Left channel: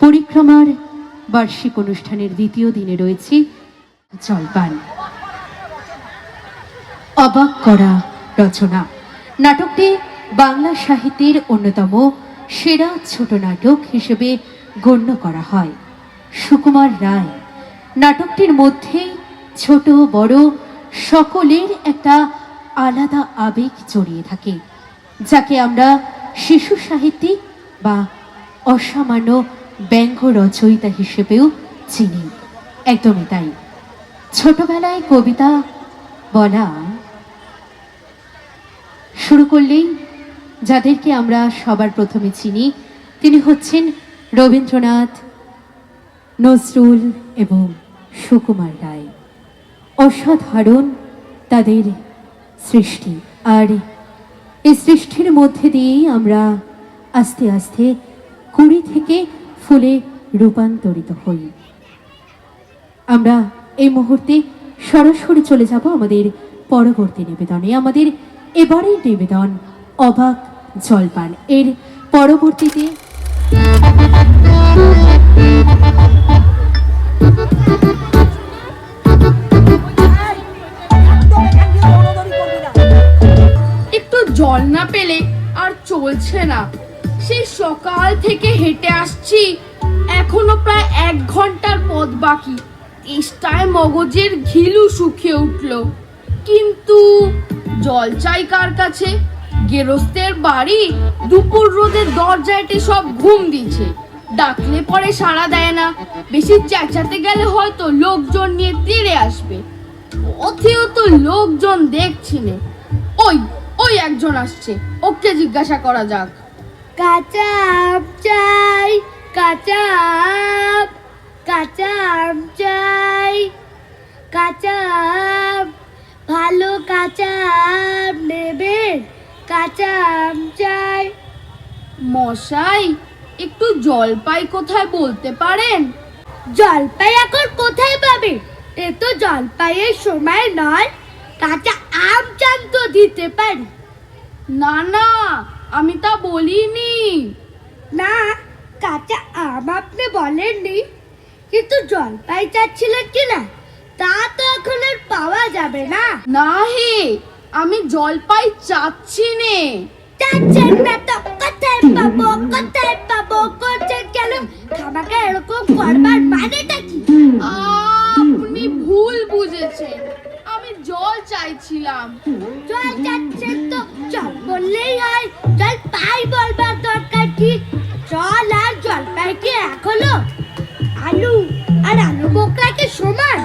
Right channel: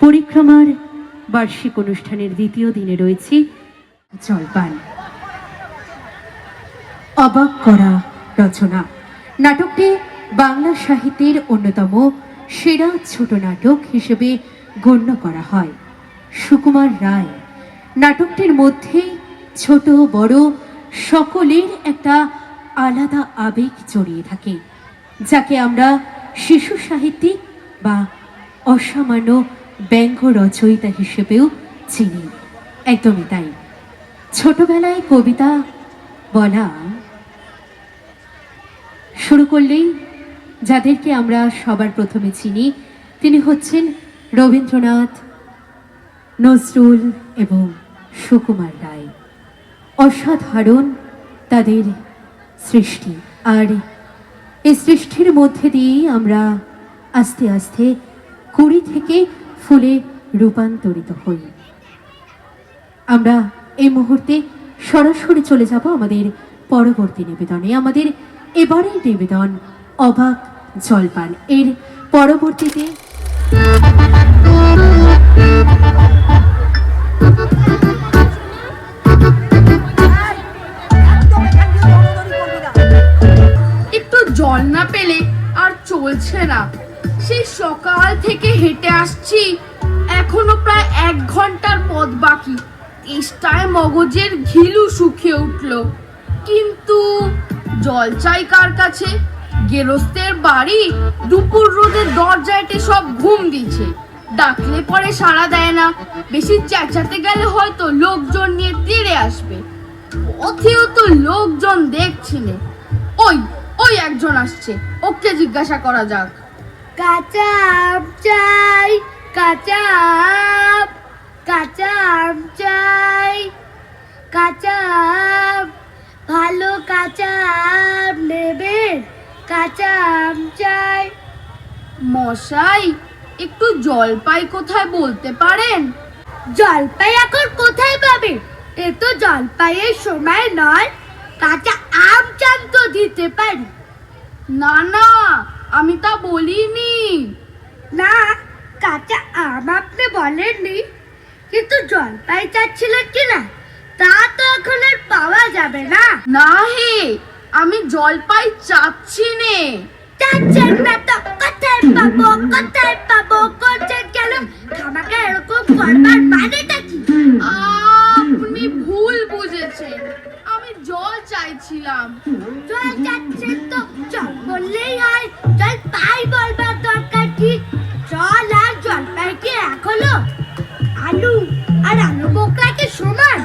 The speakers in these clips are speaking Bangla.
পরিক্রমার বার্ষিক অনুষ্ঠানের দ্বিতীয় দিনে রয়েছে জলপান। অবাক করা রচনা নাটকটি বাংলা সাহিত্যের অন্যতম সেরা ছোট নাটক হিসেবে গণ্য করা হয়। সুকুমার রায় নাটকটির মধ্যে ছোট বড় সকলের একটা আলাদা আবেগ জড়িয়ে থাকে, যাকে আমরা শিশু সাহিত্যিক বা অসামান্য ব্যঙ্গ রচয়িতা হিসেবেও চিনি। একদমই তাই। ছোটবেলায় কবিতা বলা শুরু করলেই যাদেরকে আমরা সবার প্রথমে চিনি তিনি হচ্ছেন রবীন্দ্রনাথ, নজরুল এবং সুকুমার রায়। অসাধারণ তাদের সৃষ্টি, আর এই সৃষ্টির মধ্যে দিয়েই আমরা আস্তে আস্তে কুড়ি থেকে ফুলে রূপান্তরিত হই। আমরা এই মুহূর্তে সরাসরি চলে যাব আমাদের পরবর্তী নিবেদনে। আমাদের এবারের নিবেদন অবাক জলপান। এর পরবর্তীতে একটু জল না পেলে আর চলছে না। সেই সকাল থেকে হেঁটে আসছি, এখনো প্রায় 1 ঘন্টার পথ বাকি। তেষ্টায় মগজের ঘিলু শুকিয়ে উঠল, কিন্তু জল চাই কার কাছে? গেরস্তের বাড়ি দুপুর রোদের দরজায় সব ঘুম দিচ্ছে, ডাকলে পরে সাড়া দেয় না। বেশি চেঁচাতে গেলে হয়তো লোকজন নিয়ে তেড়ে আসবে। পথেও তো লোকজন দেখছি না। ওই ওই একজন আসছে, ওকে জিজ্ঞাসা করা যাক। কাঁচা আম চাই, কাঁচা আম, কাঁচা আম চাই, কাঁচা আম, ভালো কাঁচা আম নেবেন, কাঁচা আম চাই। মশাই, একটু জলপাই কোথায় বলতে পারেন? জলপাই এখন কোথায় পাবে? এ তো জলপাইয়ের সময় নয়। কাঁচা আম চান তো দিতে পারি। না না, আমি তা বলিনি। না, কাঁচা আম আপনি বলেননি, কিন্তু জলপাই চাচ্ছিলেন কিনা তা তো এখন আর পাওয়া যাবে না। না হে, আমি জলপাই চাচ্ছি নে। চাচ্ছেন না তো কোথায় পাবো, কোথায় পাবো করছেন কেন? আমাকে এরকম করবার মানেটা কি? আপনি ভুল বুঝেছেন, আমি জল চাইছিলাম। জল চাচ্ছেন তো জল বললেই হয়, জল পাই বলবার দরকার কি? জল আর জলপাই কি এক হলো? আলু আর আলু বোকরা কি সমান?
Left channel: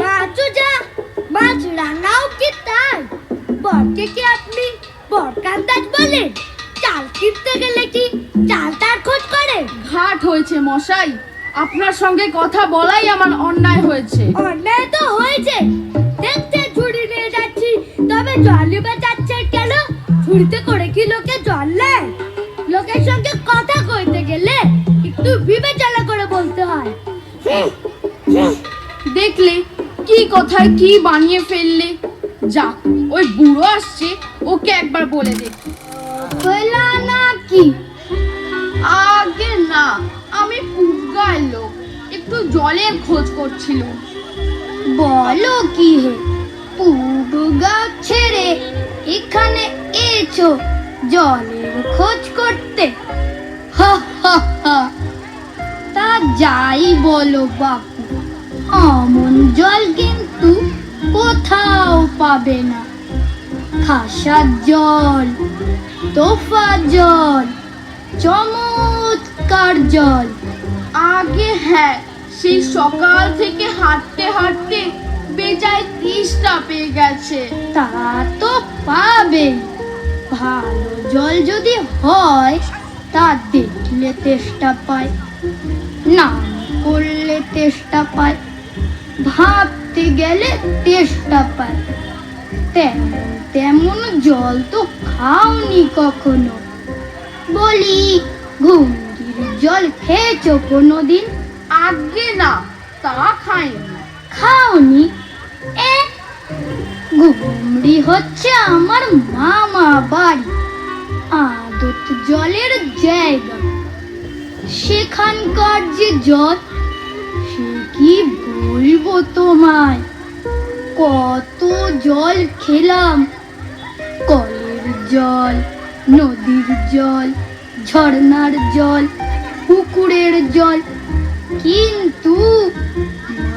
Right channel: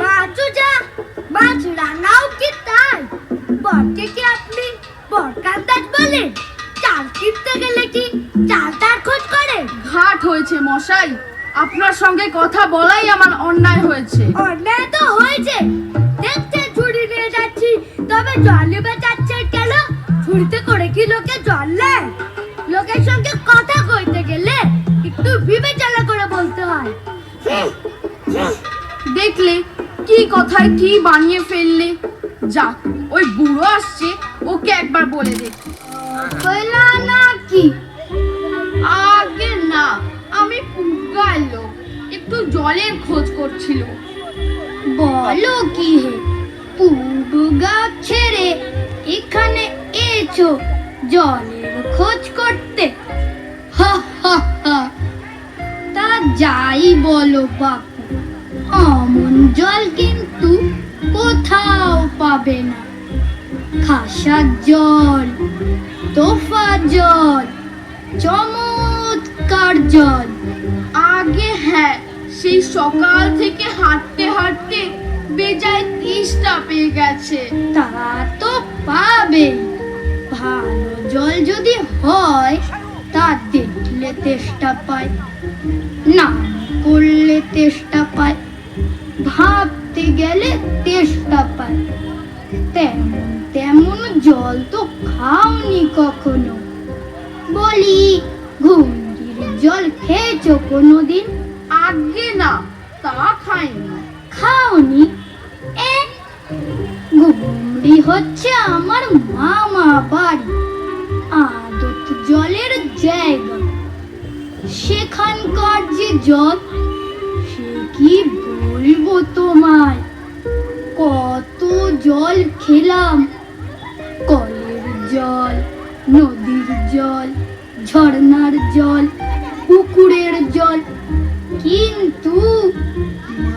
মাছও যা, মাছ রাঙাও কি তাই? বরকে কি আপনি বরকান্দাজ বলেন? চাল কিনতে গেলে কি চাল তার খোঁজ করে? ঘাট হয়েছে মশাই, আপনার সঙ্গে কথা বলাই আমার অন্যায় হয়েছে। অন্যায় তো হয়েছে। দেখতে ঝুড়ি নিয়ে যাচ্ছি, তবে জল নিবে যাচ্ছেন কেন? ঝুড়িতে করে কি লোকে জল নেয়? লোকের সঙ্গে কথা কইতে গেলে একটু বিবেচনা করে বলতে হয়। দেখলে কি কথায় কি বানিয়ে ফেললে। যাক, ওই বুড়ো আসছে, ওকে একবার বলে দেখি। কইলা না কি? আগে না, আমি পুগার লোক, একটু জলের খোঁজ করছিল। বলো কি হে, পুবগা ছেড়ে এখানে এসো জলের খোঁজ করতে? হা হা হা। তা যাই বলো বাপু, অমন জল কিন্তু কোথাও পাবে না। খাসার জল, তোফা জল, চমৎকার জল। আগে হ্যাঁ, সেই সকাল থেকে হাঁটতে হাঁটতে বেজায় তেষ্টা পেয়ে গেছে। তা তো পাবে। ভালো জল যদি হয় তা দেখলে তেষ্টা পায়, না করলে তেষ্টা পায়, ভাবতে গেলে তেষ্টা পায়। তেমন তেমন জল তো খাওনি কখনো। বলি, ঘুমরির জল খেয়েছো কোনোদিন? আগে না, তা খাইনি। খাওনি? ঘুমরি হচ্ছে আমার মামা বাড়ি, আদত জলের জায়গা। সেখানকার যে যে জল, সে কি বলবো তোমায়। কত জল খেলাম, কলের জল, নদীর জল, ঝর্ণার জল, পুকুরের জল, কিন্তু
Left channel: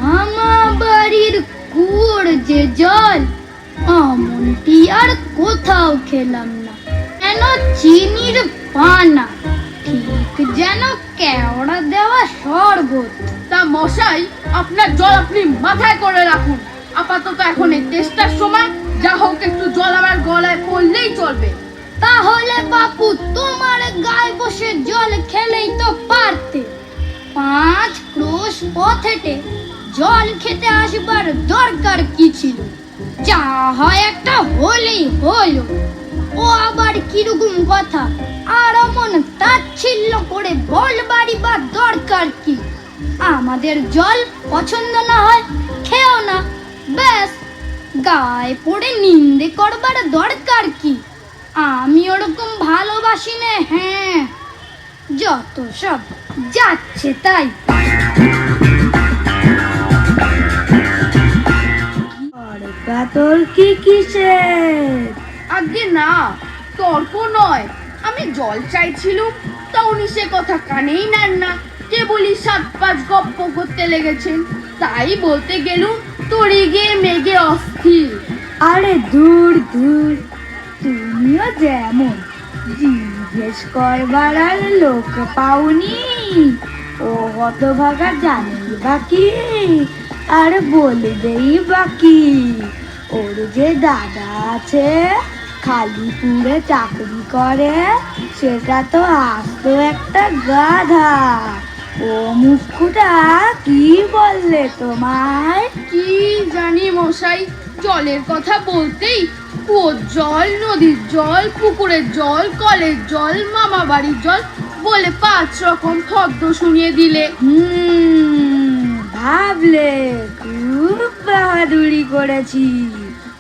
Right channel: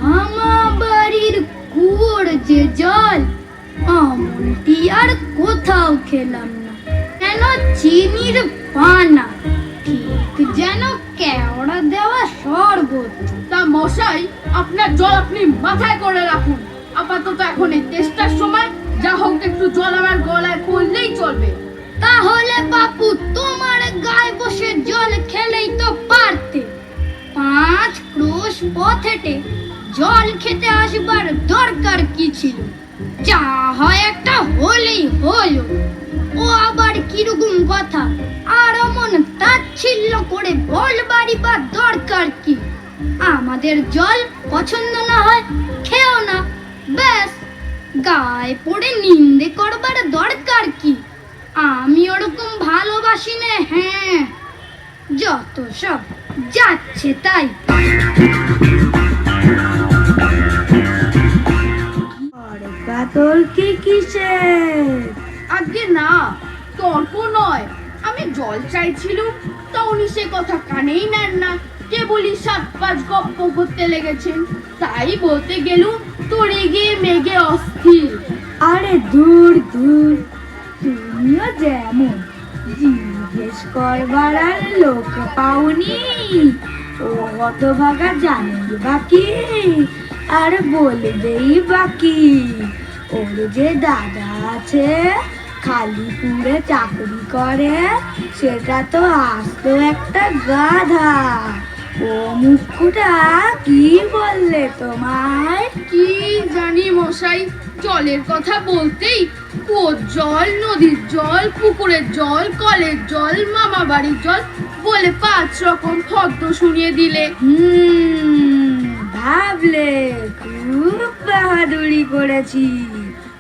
মামা বাড়ির কুয়োর যে জল, এমনটি আর কোথাও খেলাম না। যেন চিনির পানা, ঠিক যেন কেওড়া দেওয়া শরবত। তা মশাই, আপনার জল আপনি মাথায় করে রাখুন। আপাতত এখন এই টেস্টার সময়, যা হোক একটু জল আমার গলায় পড়লেই চলবে। তাহলে বাপু তোমার গায়ে বসে জল খেলেই তো পারতে। 5 ক্রোশ পথ হেঁটে জল খেতে আসবার দরকার কি ছিল? যা হয় একটা হলি হলো। ও আবার কিরকম কথা, আর অমন তাচ্ছিল্য করে বলবারই বা দরকার কি? আমাদের জল পছন্দ না হয় খেও না, ব্যাস। গায়ে পড়ে নিন্দে করবার দরকার কি? আমি ওরকম ভালোবাসি না। হ্যাঁ, যত সব যাচ্ছে তাই। তোর কি কিসের? আগে না, তর্ক নয়। আমি জল চাইছিলুম, তা উনি সে কথা কানেই নেন না। কেবলই 7-5 গপ্প করতে লেগেছেন। তাই বলতে গেলুম, তরি গিয়ে মেঘে অস্থির। আরে দূর দূর, তুমিও যেমন জিজ্ঞেস করবার আর লোক পাওনি। ও হতভাগা জানি বাকি, আর বলবেই বাকি। ওর যে দাদা আছে, খালিপুরে চাকরি করে, সেটা তো আস্ত একটা গাধা। ও মুখটা কি বললে তোমায়? কি জানি মশাই, জলের কথা বলতেই কুয়োর জল, নদীর জল, পুকুরের জল, কলের জল, মামা বাড়ির জল বলে 5 রকম ফদ্দ শুনিয়ে দিলে। ভাবলে খুব বাহাদুরি করেছি।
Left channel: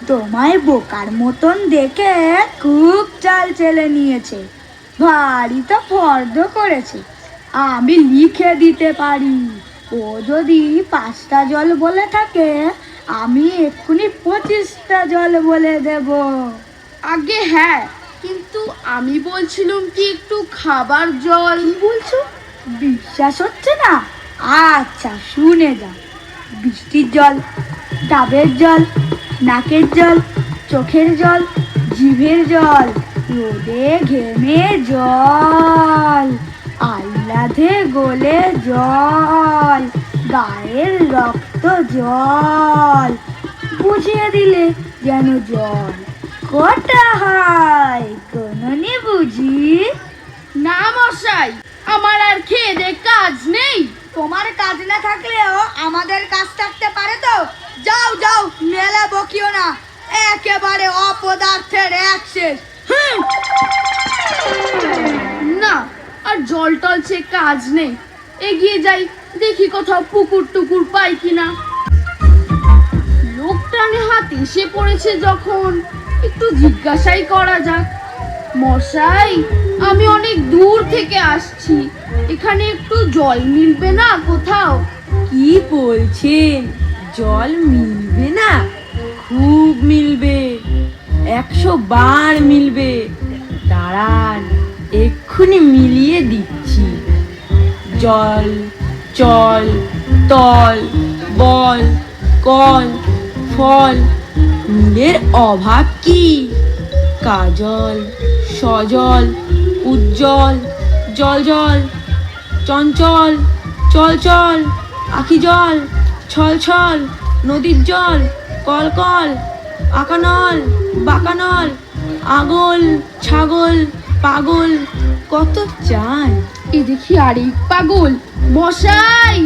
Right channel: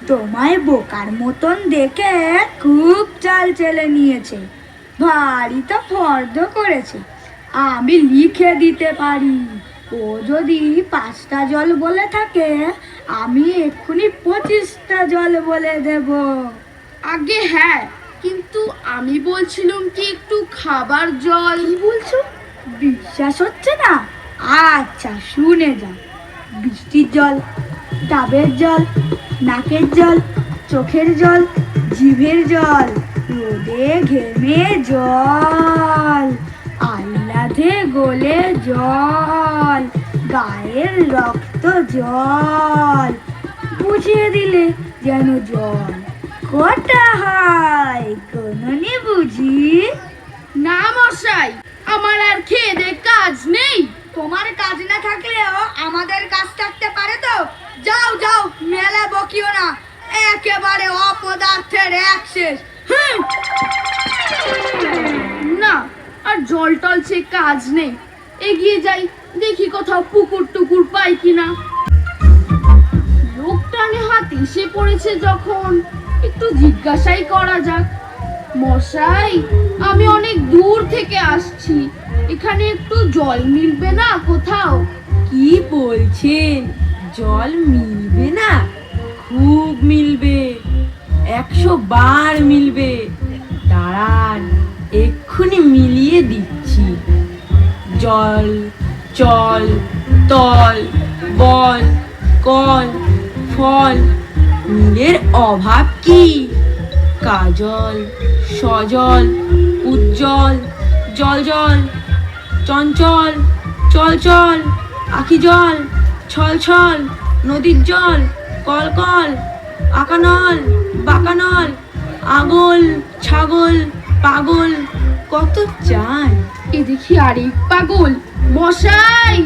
তোমায় বোকার মতন দেখে খুব চাল চেলে নিয়েছে, ভারী তো ফর্দ করেছে। আমি লিখে দিতে পারি। ও যদি 5টা জল বলে থাকে, আমি এক্ষুনি 25টা জল বলে দেব। আগে হ্যাঁ, কিন্তু আমি বলছিলাম কি একটু খাবার জল। কি বলছো? বিশ্বাস হচ্ছে না? আচ্ছা শুনে যাও। বৃষ্টির জল, ডাবের জল, নাকের জল, চোখের জল, জিভের জল, রোদে ঘেমে জল, আহ্লাদে গলে জল, গায়ের রক্ত জল, বুঝিয়ে দিলে যেন জল কটা হয় কোননি বুঝি? না মশাই, আমার আর খেয়ে দে কাজ নেই। তোমার কাজ না থাকলেও আমাদের কাজ থাকতে পারে তো। যাও যাও, মেলে বকিও না, একেবারে অপদার্থের এক শেষ। না, আর জল টল সে কাজ নেই। এগিয়ে যাই, দেখি কোথাও পুকুর টুকুর পাই কিনা। লোকটানে হাতে এসে পড়েছে যখন, একটু জিজ্ঞাসাই করা যাক। মশাই, আমি অনেক দূর থেকে আসছি, এখানে একটু জল মিলবে না কোথাও? কি বলছেন? জল মিলবে না? খুব মিলবে, 100 বার মিলবে। দাঁড়ান, এক্ষুনি মিলিয়ে দিচ্ছি। জল, চল, তল, বল, কল, ফল, মিলের অভাব কি? কাজল, সজল, উজ্জ্বল, জল জল, চঞ্চল, চল চল, আখি জল, ছল ছল, নদীর জল, কল কল, আকানল, বাকানল, আগল, ছাগল, পাগল, কত চাই। এ দেখি আরেক পাগল। মশাই,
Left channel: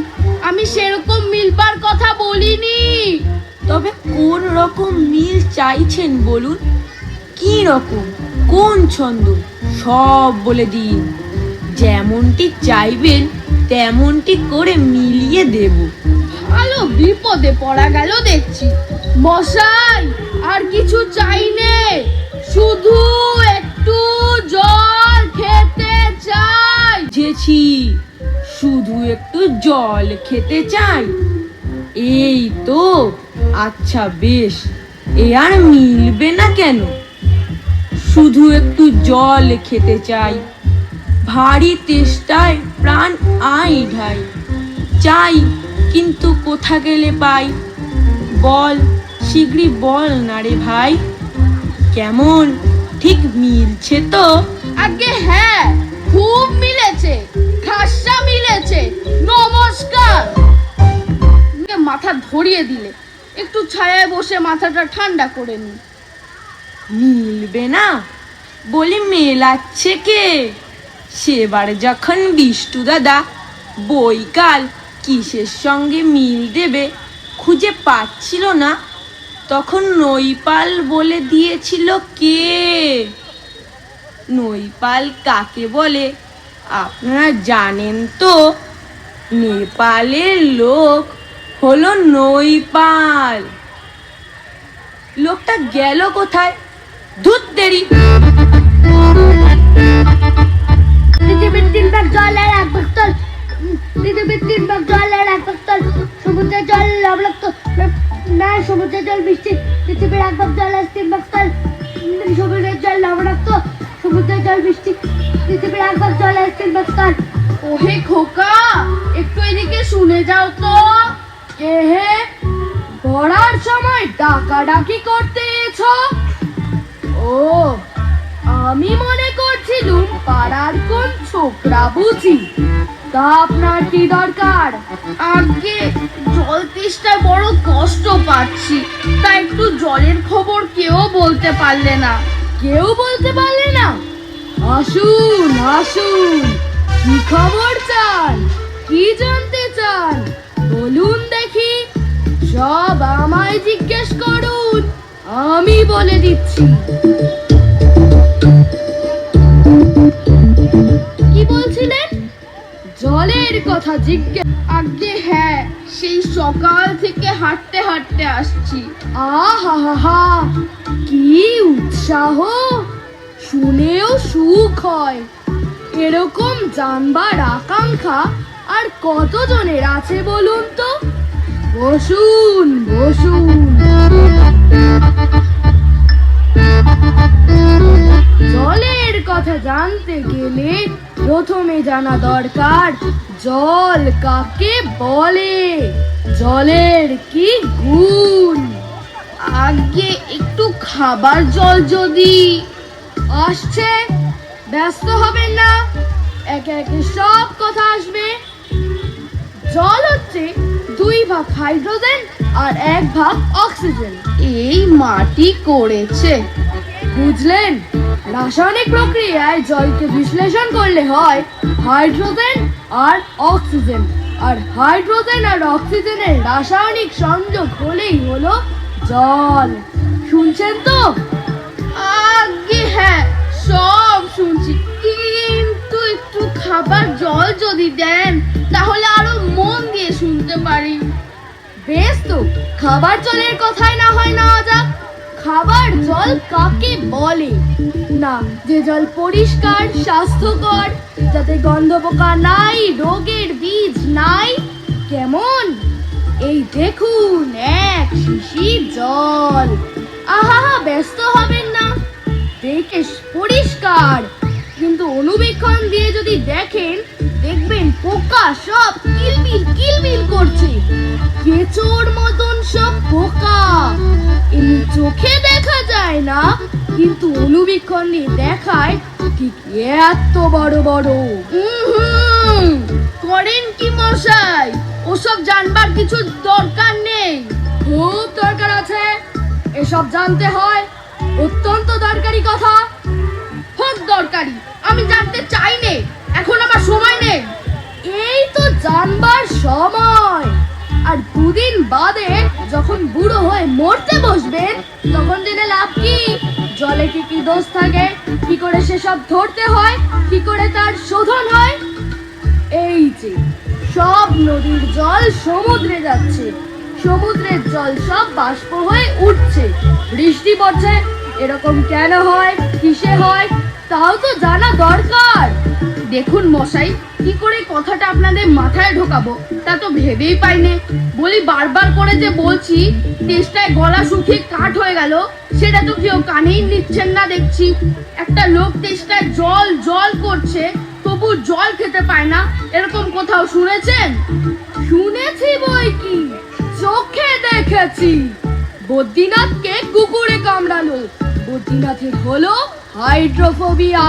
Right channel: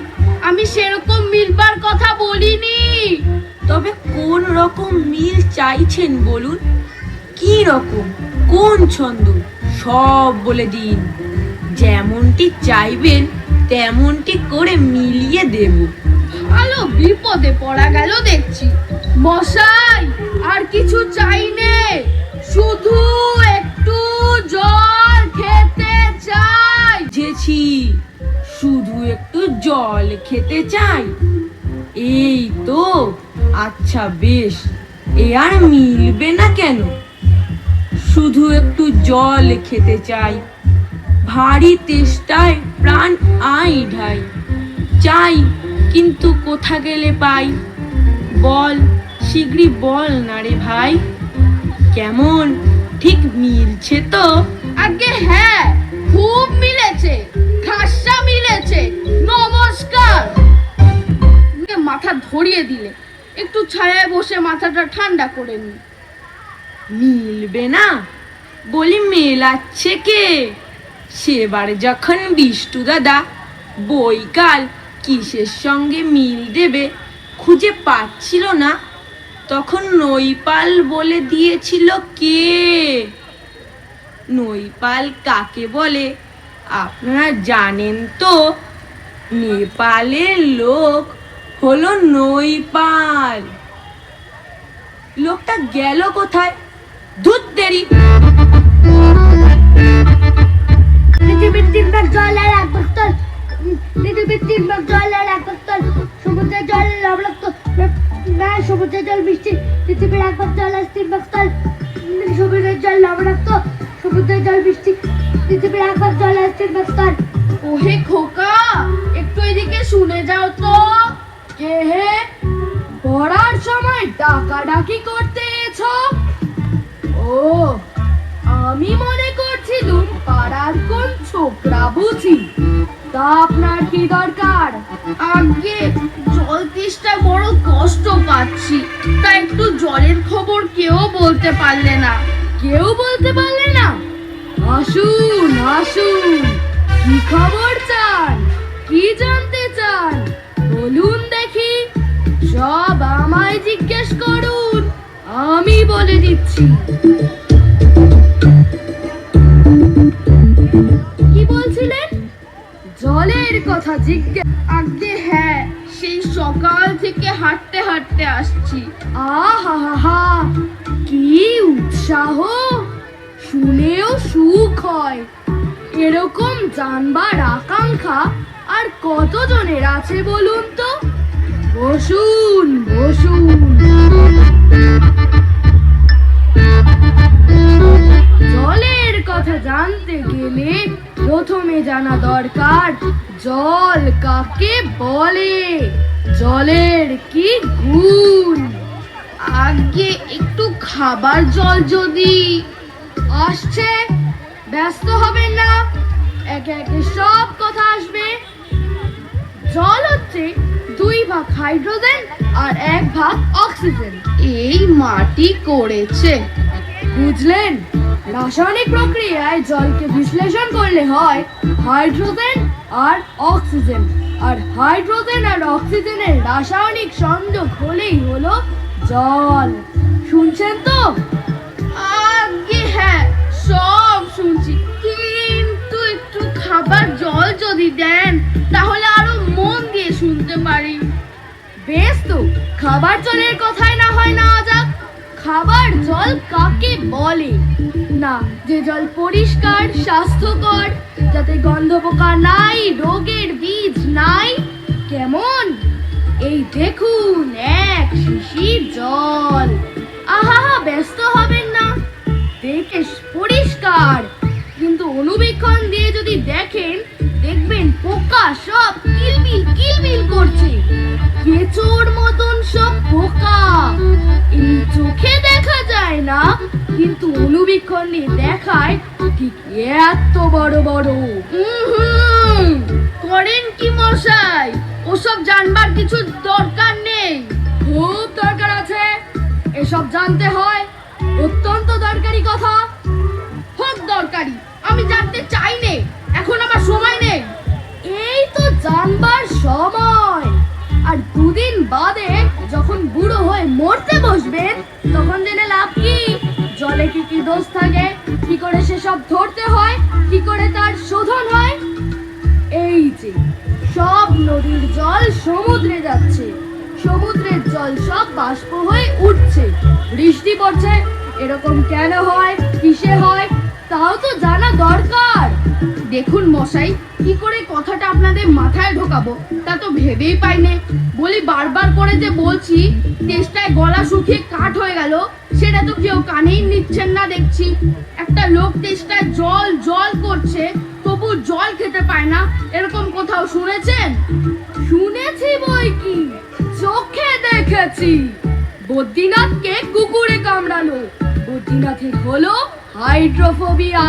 আমি সেরকম মিলবার কথা বলিনি। তবে কোন রকম মিল চাইছেন বলুন? কি রকম, কোন ছন্দ, সব বলে দিন। যেমনটি চাইবেন তেমনটি করে মিলিয়ে দেব। ভালো বিপদে পড়া গেল দেখছি। মশাই, আর কিছু চাই নে, শুধু একটু জল খেতে চাই। বুঝেছি, শুধু একটু জল খেতে চাই? এই তো, আচ্ছা বেশ, এ আর মিলবে না কেন? শুধু একটু জল খেতে চাই, ভারী তেষ্টায় প্রাণ আই ঢাই। চাই, কিন্তু কোথা গেলে পাই? বল, শিগগিরই বল না রে ভাই। কেমন, ঠিক মিলছে তো? আগে হ্যাঁ, খুব মিলেছে, খাসা মিলেছে। নমস্কার। মাথা ধরিয়ে দিলে, একটু ছায়ায় বসে মাথাটা ঠান্ডা করে নি। মিলবে না? বলি মেলাচ্ছে কে? সেবার যখন বিষ্টু দাদা বৈকাল কিসের সঙ্গে মিল দেবে খুঁজে পাচ্ছিল না, তখন নৈপাল বলে দিয়েছিল কে? নৈপাল কাকে বলে আপনারা জানেন তো? নেপালের লোক হলো নৈপাল। লোকটা গেল কোথায়? ধুত তেরি। পৃথিবীর 3 ভাগ জল আর 1 ভাগ স্থল। পৃথিবীর 3 ভাগ জল আর 1 ভাগ স্থল। সমুদ্রের জল লবণাক্ত, না সমুদ্রের জল মিষ্টি। পৃথিবীর 1 ভাগ জল আর 3 ভাগ স্থল। সমুদ্রের জল লবণাক্ত, সমুদ্রের জল মিষ্টি। পৃথিবীর 1 ভাগ জল আর 3 ভাগ স্থল। ওহে খোকা, একটু এদিকে শুনে যাও তো। কে হে? পড়ার সময় ডাকাডাকি করতে এছো? ও, আমি মনে করছিলুম পাড়ার কোন ছোকরা বুঝি। তা আপনার কি দরকার? আগে জল তেষ্টায় বড় কষ্ট পাচ্ছি, তা একটু জলের খবর কেউ বলতে পারলে না? কেউ বলতে পারলে না? আসুন আসুন, কি খবর চান? কি জানতে চান? বলুন দেখি। সব আমায় জিজ্ঞেস করুন, আমি বলে দিচ্ছি। কি বলছিলেন? জলের কথা জিজ্ঞেস? আগে হ্যাঁ, সেই সকাল থেকে হাঁটতে হাঁটতে আসছি। আহা হা হা, কি উৎসাহ! শুনেও সুখ হয়। এরকম জানবার আকাঙ্ক্ষা আর কতজনের আছে বলুন তো? বসুন বসুন। জলের কথা জানতে গেলে প্রথমে জানা দরকার জল কাকে বলে, জলের কি গুণ। আগে একটু খাবার জল যদি। আসছে, ব্যস্ত হবেন না, একে একে সব কথা আসবে। জল হচ্ছে 2 ভাগ হাইড্রোজেন আর 1 ভাগ অক্সিজেন। এই মাটি করেছে, বুঝলেন? রাসায়নিক প্রক্রিয়ায় জলকে বিশ্লেষণ করলে হয় হাইড্রোজেন আর অক্সিজেন, আর হাইড্রোজেন আর অক্সিজেনের রাসায়নিক সংযোগ হলেই হলো জল। শুনছেন তো? আগে হ্যাঁ, সব শুনছি, কিন্তু একটু খাবার জল যদি দেন তাহলে আরো মন দিয়ে শুনতে পারি। বেশ তো, খাবার জলের কথাই না হয় নেওয়া যাক। খাবার জল কাকে বলে? না, যে জল পরিষ্কার, স্বাস্থ্যকর, যাতে গন্ধ পোকা নাই, রোগের বীজ নাই। কেমন? এই দেখুন, 1 শিশির জল। আহা, ব্যস্ত হবেন না, দেখে পরিষ্কার, কিন্তু অনুবীক্ষণ দিয়ে যদি দেখেন, দেখবেন পোকা সব কিলবিল কিলবিল করছে। কেঁচোর মতন সব পোকা। এই চোখে দেখা যায় না, কিন্তু অনুবীক্ষণ দিয়ে দেখায় ঠিক এত বড় বড়। করেন কি মশাই? ওসব জানবার কিছু দরকার নেই। খুব দরকার আছে, এসব জানতে হয়, অত্যন্ত দরকারি কথা। খুব দরকারি, আমি জানতে চাই নে, এখন আমার সময় নেই। এই তো জানবার সময়, আর 2 দিন বাদে যখন বুড়ো হয়ে মরতে বসবেন তখন জেনে লাভ কি? জলে কি কি দোষ থাকে, কি করে সেসব ধরতে হয়, কি করে তার শোধন হয়। এই যে সব নদীর জল সমুদ্রে যাচ্ছে, সমুদ্রের জল সব বাষ্প হয়ে উঠছে, বৃষ্টি পড়ছে। এরকম কেন হয়, কিসে হয়, তাও তো জানা দরকার। দেখুন মশাই, কি করে কথাটা আপনাদের মাথায় ঢোকাবো তা তো ভেবেই পাইনি। বলি বারবার করে যে বলছি, তেষ্টায় গলা শুকিয়ে কাঠ হয়ে গেল, সেটা তো কেউ কানেই নিচ্ছেন না দেখছি। একটা লোক তেষ্টায় জল জল করছে, তবু জল খেতে পায় না, এরকম কোথাও শুনেছেন? শুনেছি বই কি, চোখে দেখেছি। বদ্রীনাথকে কুকুরে কামড়ালো, বদ্রীনাথের হলো হাইড্রোফোবিয়া,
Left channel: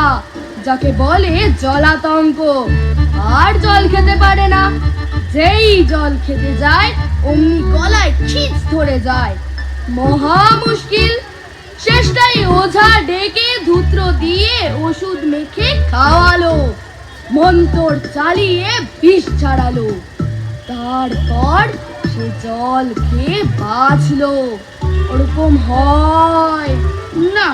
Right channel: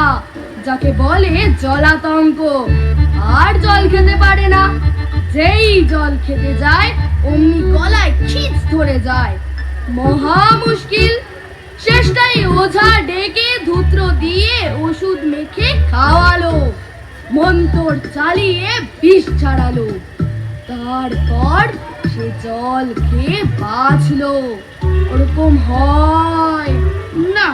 যাকে বলে জলাতঙ্ক, আর জল খেতে পারে না। যেই জল খেতে যায় অমনি গলায় খিচ ধরে যায়, মহা মুশকিল। শেষটাই ওঝা ডেকে ধূত্র দিয়ে ওষুধ মেখে খাওয়ালো, মন্তর চালিয়ে বিষ ছাড়ালো, তারপর সে জল খেয়ে বাঁচলো। এরকম হয় না,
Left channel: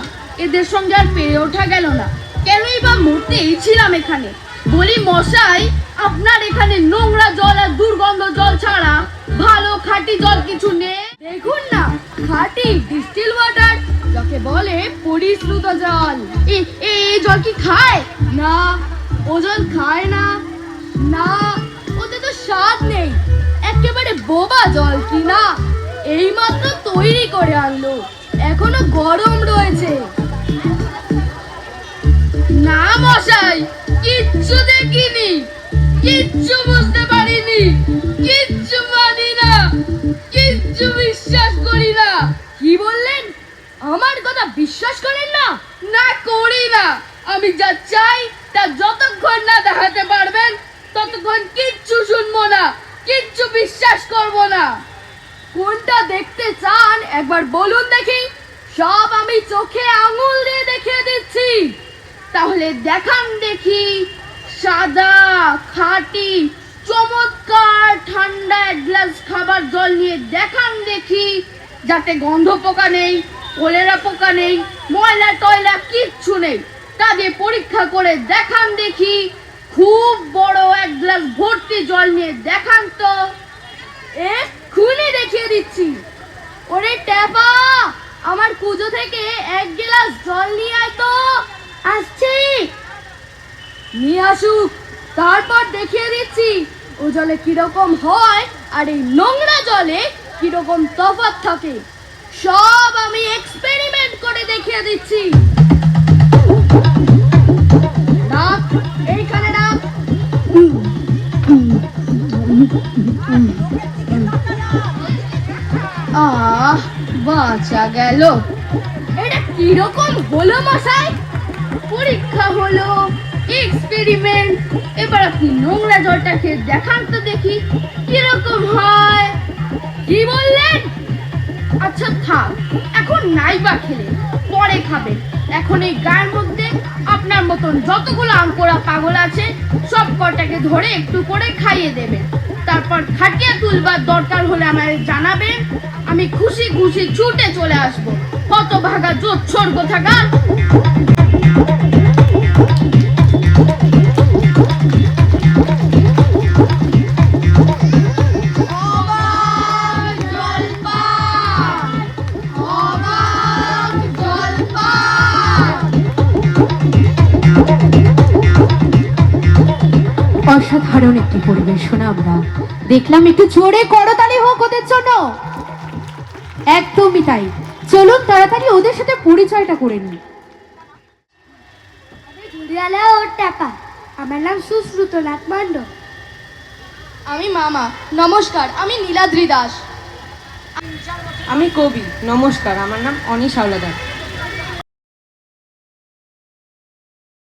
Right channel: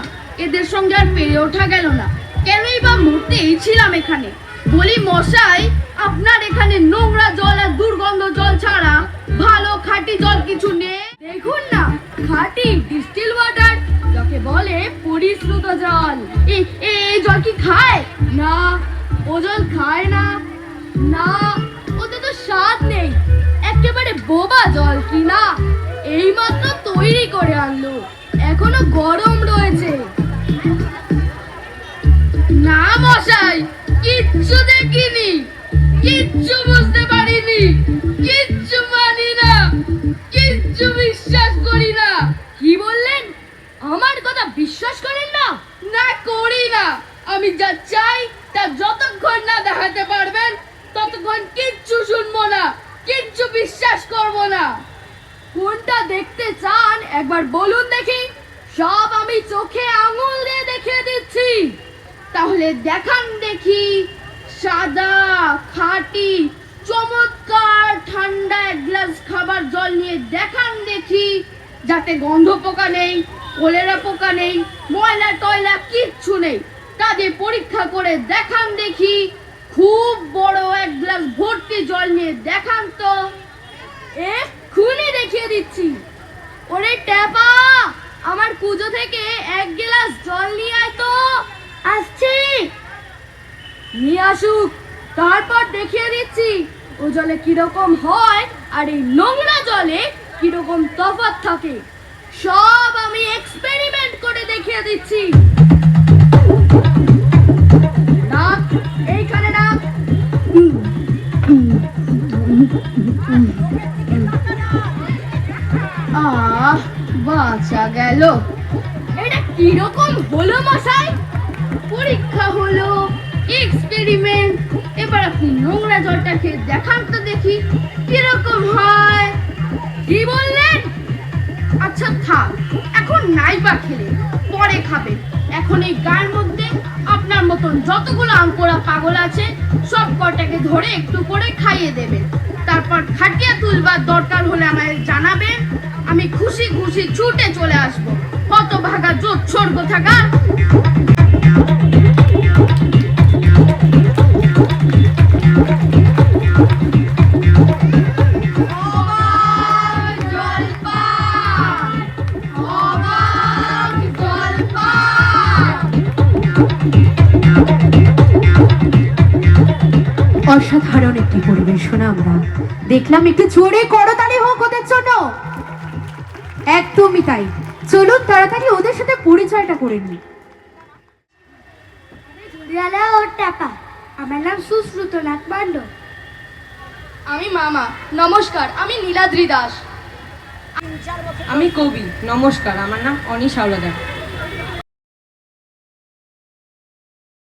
এদের সঙ্গে আর পেরে ওঠা গেল না। কেনই বা মরতেই ছিলাম এখানে। বলি মশাই, আপনার এখানে নোংরা জল আর দুর্গন্ধ জল ছাড়া ভালো খাঁটি জল কিছু নেই? দেখুন না, খাঁটি ডিস্টিল ওয়াটার, যাকে বলে পরিশ্রুত জল। এই জল কি খায়? না, ও জল খায় না। না, ওতে তো স্বাদ নেই, একেবারে বোবা জল কি না। এইমাত্র তৈরি করে আনলো, এখনো গরম রয়েছে। না মশাই, কিচ্ছু দেখিনি, কিচ্ছু বুঝতে পারিনি, কিচ্ছু মানি না, কিচ্ছু বিশ্বাস করি না। কি বললেন? আমার কথা বিশ্বাস করেন না? না, করি না। আমি যা চাই তা যতক্ষণ না দেখাতে পারবেন ততক্ষণ কিচ্ছু শুনবো না, কিচ্ছু বিশ্বাস করব না। কোনটা দেখতে চান একবার বলুন দেখি, সব আমি চোখে আঙুল দিয়ে দেখিয়ে দিচ্ছি। তাহলে দেখান দেখি, সাদা খাঁটি চমৎকার ঠান্ডা এক গ্লাস খাবার জল নিয়ে দেখান দেখি, যাতে গন্ধ পোকা নেই, কলেরা পোকা নেই, ময়লা টয়লা কিচ্ছু নেই। তা দিয়ে পরীক্ষা করে দেখান দেখি। খুব বড় এক গ্লাস ভর্তি জল নিয়ে দেখান তো। এক্ষুনি দেখিয়ে দিচ্ছি। ওরে ট্যাপা, আমার কুজো থেকে এক গ্লাস জল নিয়ে আয় তো। আসছে। নিয়ে আসুক, তারপর দেখিয়ে দিচ্ছি ও জলে কিরকম হয় আর এই নোংরা জলে কিরকম তফাৎ থাকে। সব আমি এক্সপেরিমেন্ট করে দেখিয়ে দিচ্ছি। না, এইখানে না। বাঁচা গেল। এটা কিরকম হলো মশাই? পরীক্ষা হলো, এক্সপেরিমেন্ট। এবার আপনি নোংরা জলটা খেয়ে দেখান তো দেখি কিরকম হয়। কি বললেন? আচ্ছা থাক, এখন নাই বা খেলে, পরে খাবেন। এখন এই গায়ের মধ্যে আপনার মতন যতগুলো আঙ্কোড়া পাগল আছে সব কটাকে ধরে একটু করে খাইয়ে দেবেন। তারপর খাটিয়া তুলবার দরকার হলে আমায় জানাবেন, আমি খুশি খুশি ছুটে চলে আসবো। কত ভাগা জোচ্ছর গোথাগা। অসাধারণ একটি পরিবেশনা আমরা দেখলাম। একটু জোরে করতালি হোক ওদের জন্য। একদমই তাই, চলুন তাড়াতাড়ি ওদের সাথে পরিচয়টা করে নিই। ওর টাকা, আমার নাম সুশ্রুতনাথ মান্ড। আমি মামা, নমস্কার, আমি নীলাদ্রি দাস। আমি কবি, নমস্কার, আমার নাম অনিশ হাওলাদার।